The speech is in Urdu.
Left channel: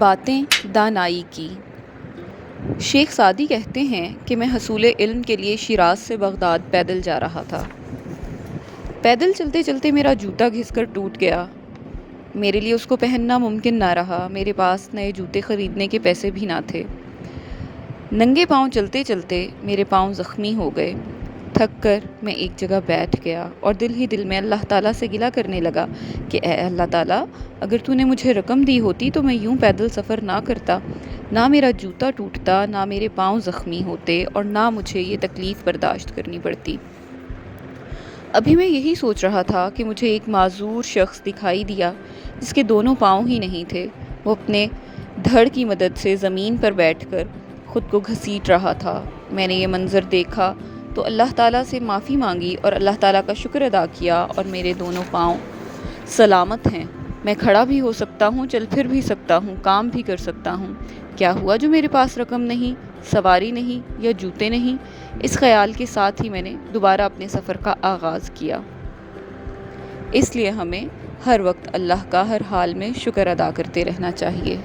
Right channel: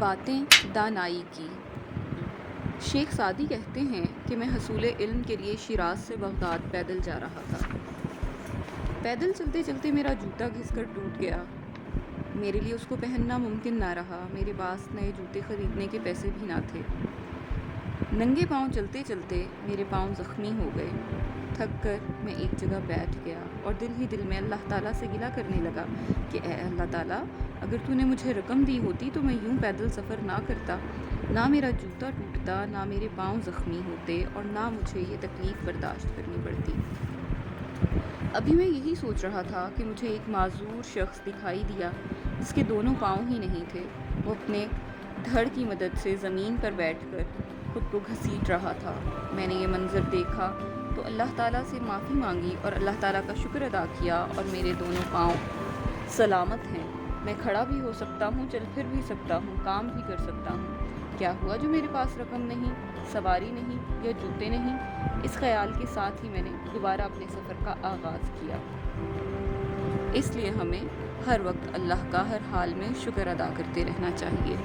باتیں دانائی کی۔ شیخ سعدی کہتے ہیں کہ میں حصول علم کے لیے شیراز سے بغداد پیدل جا رہا تھا۔ پیدل چلتے چلتے میرا جوتا گھس کر ٹوٹ گیا۔ میرے لیے اس کو پہننا ممکن نہ رہا۔ میرے پاس نئے جوتے خریدنے کے پیسے بھی نہ تھے۔ ننگے پاؤں چلتے چلتے میرے پاؤں زخمی ہو گئے۔ تھک کر میں ایک جگہ بیٹھ گیا اور دل ہی دل میں اللہ تعالیٰ سے گلہ کرنے لگا کہ اے اللہ تعالیٰ، اگر تو نے مجھے رقم دی ہوتی تو میں یوں پیدل سفر نہ کرتا، نہ میرا جوتا ٹوٹتا، نہ میرے پاؤں زخمی ہوتے اور نہ مجھے یہ تکلیف برداشت کرنی پڑتی۔ ابھی میں یہی سوچ رہا تھا کہ مجھے ایک معذور شخص دکھائی دیا جس کے دونوں پاؤں ہی نہیں تھے۔ وہ اپنے دھڑ کی مدد سے زمین پر بیٹھ کر خود کو گھسیٹ رہا تھا۔ میں نے یہ منظر دیکھا تو اللہ تعالیٰ سے معافی مانگی اور اللہ تعالیٰ کا شکر ادا کیا اور میرے دونوں پاؤں سلامت ہیں۔ میں کھڑا بھی ہو سکتا ہوں، چل پھر بھی سکتا ہوں، کام بھی کر سکتا ہوں۔ کیا ہوا جو میرے پاس رقم نہیں، سواری نہیں یا جوتے نہیں؟ اس خیال کے ساتھ ہی میں نے دوبارہ اپنے سفر کا آغاز کیا۔ اس لیے ہمیں ہر وقت اللہ کا ہر حال میں شکر ادا کرتے رہنا چاہیے۔